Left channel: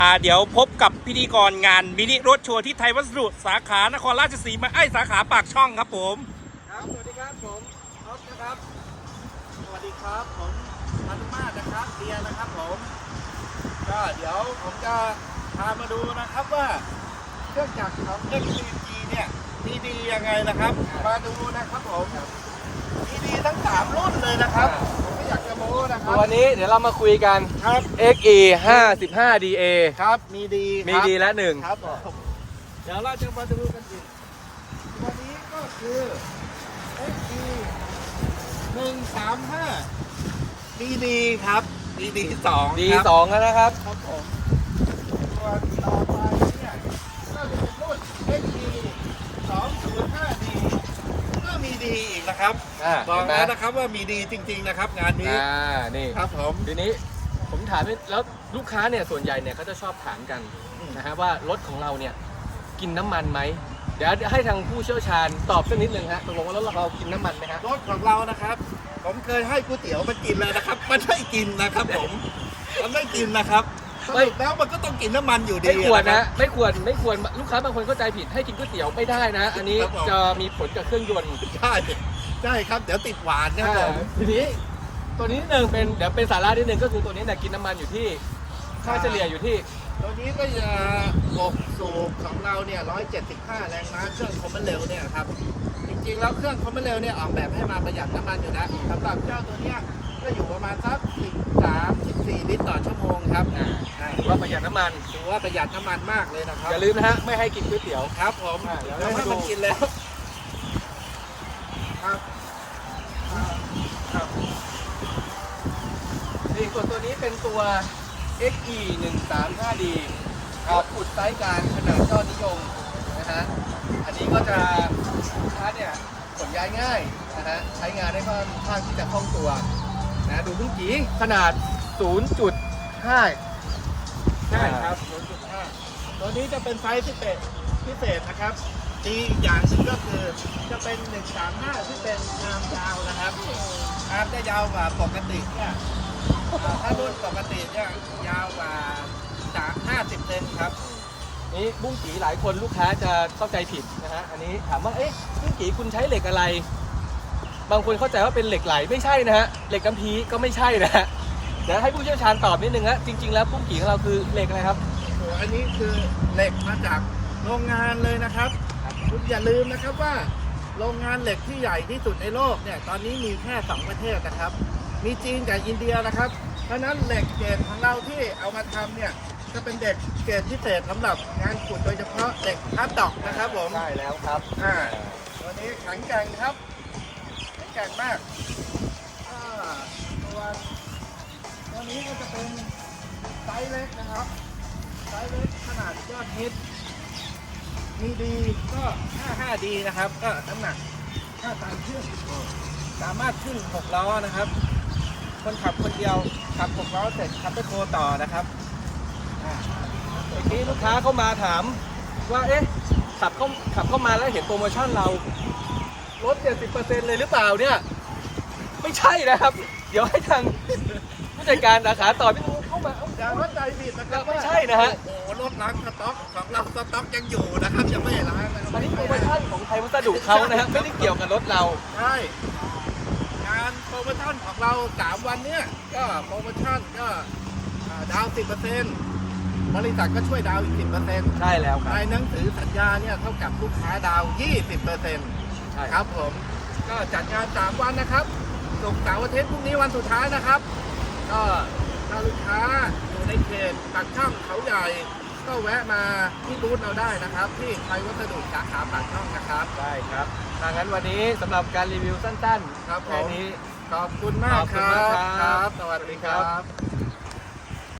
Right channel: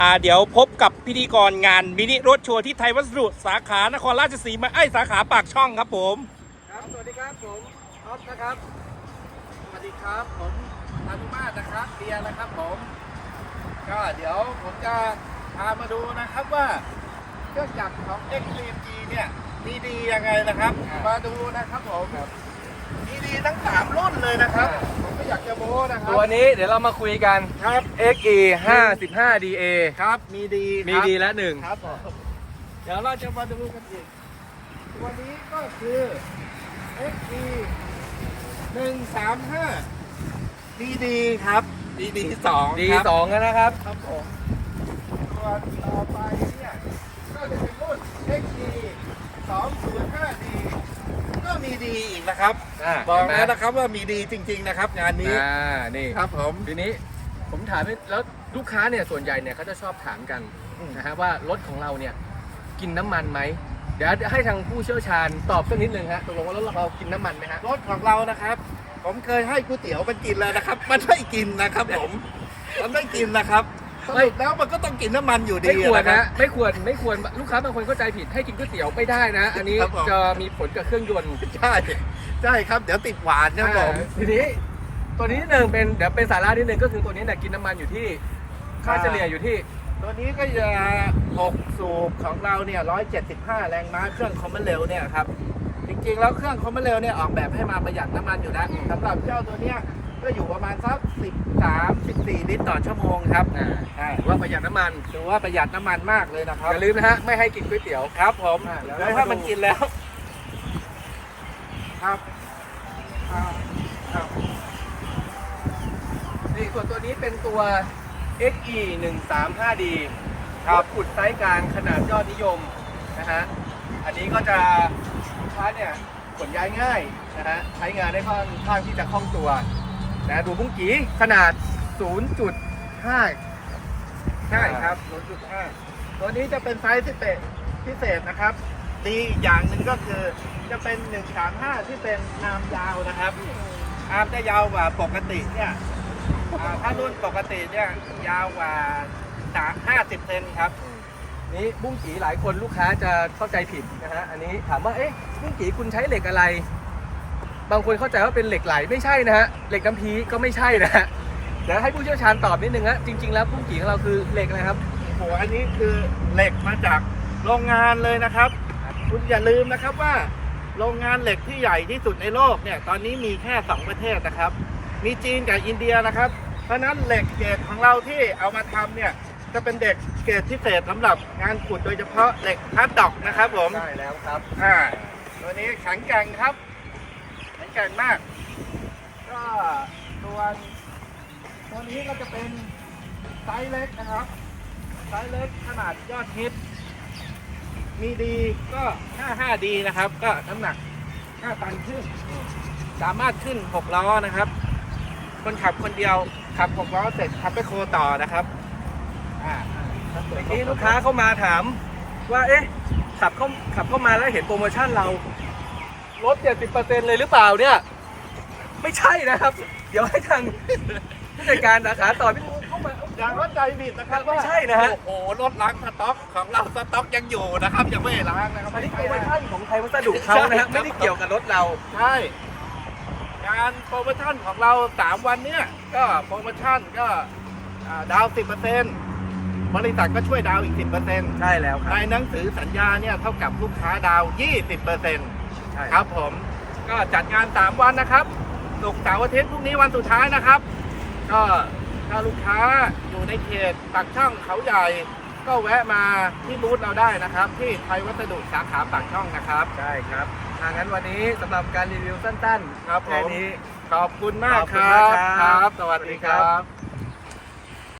เดี๋ยวพบกับพิธีกรงานมินิรถโชว์ที่ไทยวัสดุสาขานครราชสีมาสาขาปากช่องครับผมครับสวัสดีครับผมอ๊อฟนะครับสวัสดีครับผมอนุมาตนะครับเดียนะครับผมก็เดี๋ยวผมจะพามาดูนะครับว่าเครื่องจักรของ XCMG เนี่ยมีดียังไงนะครับมาดูนะครับผมมีดีทั้ง3รุ่นเลยนะครับผมก็อยากจะโม้นะครับตัวนี้เดี๋ยวเรามาคุยกันครับ XE 55DA ครับมีดีละหนึ่งครับผมเดี๋ยวเราจะมาดูกันอีกตัวนี้ก็คือ XE 135ดีครับดี2 D2 นะครับครับผมตัวต่อไปเนี่ยก็จะเป็นรุ่น XE 205D ก็มีดีอีกนะครับบอกแล้วนะครับว่ามีดีจริงๆนะครับงานนี้นี่ครับผมทีนี้ผมถามแล้วลูกค้าเนี่ยส่วนใหญ่เนี่ยเขาจะชอบถามกันนะฮะว่ารถของเราเนี่ยกินน้ำมันไหมเดี๋ยวให้ทางผู้เชี่ยวชาญตอบสักนิดนึงฮะตกลงว่ารถเรากินน้ำมันไหมฮะรถของเรานะครับผมเคยให้ก๋วยเตี๋ยวมันกินเลยนะครับมันไม่กินนะครับผมมันไม่กินนะครับสรุปแล้วมันก็ต้องกินน้ำมันอยู่ดีไม่ควรนะนะไม่ควรลูกค้าบางคนเข้าใจผิดให้กินก๋วยเตี๋ยวไม่ได้นะอันนี้จะมีผลกับเครื่องยนต์ใช่ครับเดี๋ยวติดหวานนะผมทีนี้ตัวนี้นิดนึงเดี๋ยวเป็นสาระนิดนึงก็คือตัวนี้เนี่ยกินน้ำมันอยู่ที่ค่าเฉลี่ยอยู่ที่ตัวนี้ก็จะ6สูบของเราเนี่ย175แรงม้าเครื่องคอมมอนเร็วเนี่ยครับจริงๆแล้วเครื่องคอมมอนเร็วเนี่ยออกแบบให้มาประหยัดน้ำมันอยู่นะสำหรับเจ้าตัวเนี้ยก็อยู่ประมาณสัก13-14 ลิตรต่อชั่วโมงครับถือว่าประหยัดน้ำมันถือว่าประหยัดน้ำมันมากเลยนะครับอย่าลืมนะฮะไม่ให้กินก๋วยเตี๋ยวครับผมแล้วถ้ามันกินแล้วครับนี่ส่วนตัวนี้เป็นตัว XE 135D ครับขุดไซส์กลางขนาดยอดนิยมนะฮะอันนี้ก็จะลูกค้าเนี่ยขนย้ายง่ายนะฮะใช้งานได้ค่อนข้างที่จะคล่องตัวนะดูบุ้งกี้ขนาด 0.5 ใช่ครับ 0.5 ตัวนี้จะเป็นไซส์พิเศษนะครับดีอีกอย่างหนึ่งก็คือจะเป็น135ที่เป็นอาร์มยาวนะครับอาร์มจะยาวกว่าปกติเนี่ยถ้ารุ่นปกติเนี่ยยาวกว่า50 เซนครับนี่บุ้งกีหลายคนลูกค้าจะเข้าใจผิดนะฮะอันนี้ถามว่าเอ๊ะบุ้งกีคุณใช้เหล็กอะไรบางคนเข้าใจว่าเป็นเหล็กไหลไม่ใช่นะฮะเหล็กกำพีก็ไม่ใช่นะฮะเดี๋ยวให้ผู้เชี่ยวชาญตอบนิดนึงฮะจริงๆแล้วบุ้งกีของเราคือเหล็กอะไรครับโอ้อันนี้คือเหล็กมาจากโรงงานเลยนะครับคุณอย่าลืมนะครับว่าโรงงานเหล็กที่ใหญ่ที่สุดในโลกเนี่ยตอนนี้มีแค่2ประเทศนะครับมีจีนกับอินเดียนะครับเพราะนั้นเหล็กเกรดของเราที่เอามาทำเนี่ยจะเป็นเด็กเกรดพิเศษสำหรับงานขุดโดยเฉพาะเหล็กฮาร์ดด็อกนะครับผมใช่แล้วครับตัวนี้แข็งแกร่งครับแข็งแกร่งมากก็ตัวนี้ก็จะเป็นไซส์เล็กนะครับไซส์เล็กขนาดยอดฮิตมีดีก็55ดีนะครับก็น้ำหนัก5 ตันขึ้นสามารถขึ้น6 ล้อนะครับคนขับคนเดียวขับ6 ล้อเสร็จขับไปโคต่อนะครับเมื่อกี้ลูกค้าเข้ามาถามว่าเอ๊ะขับเข้ามาแล้วเห็นโปรโมชั่นเราลด 70% เลยหรือเปล่าเนี่ยไม่ใช่นะครับเดี๋ยวให้ทางผู้จัดการสาขาต่อพี่เข้ามาอย่าเข้าใจผิดนะครับไม่ใช่นะฮะโอ้โหรถล้างสต็อกของเราสต็อกยังอยู่นะครับยังไม่ล้างนะครับอันนี้โปรโมชั่นของไทยวัสดุเขานะฮะไม่ได้เกี่ยวกับรถเราใช่งานโปรโมชั่นของเรา3 วันเนี้ยก็โปรโมชั่นก็ดาว 10%บริษัทก็ช่วยดาวอีก 10% ใช่แล้วครับในหนังสือสัญญาเนี่ยเท่ากับลูกค้าดาว 20%ครับผมก็จัดงาน3 วันนะครับศุกร์เสาร์อาทิตย์พรุ่งนี้วันสุดท้ายนะครับก็ถ้าลูกค้าอยู่ในเขตปากช่องเขาใหญ่ก็แวะมาที่บูธเราได้นะครับที่ไทยวัสดุสาขาปากช่องนะครับได้ครับงั้นวันนี้สำหรับการรีวิวสั้นๆครับผมนี้ขอบคุณมากครับสวัสดีครับ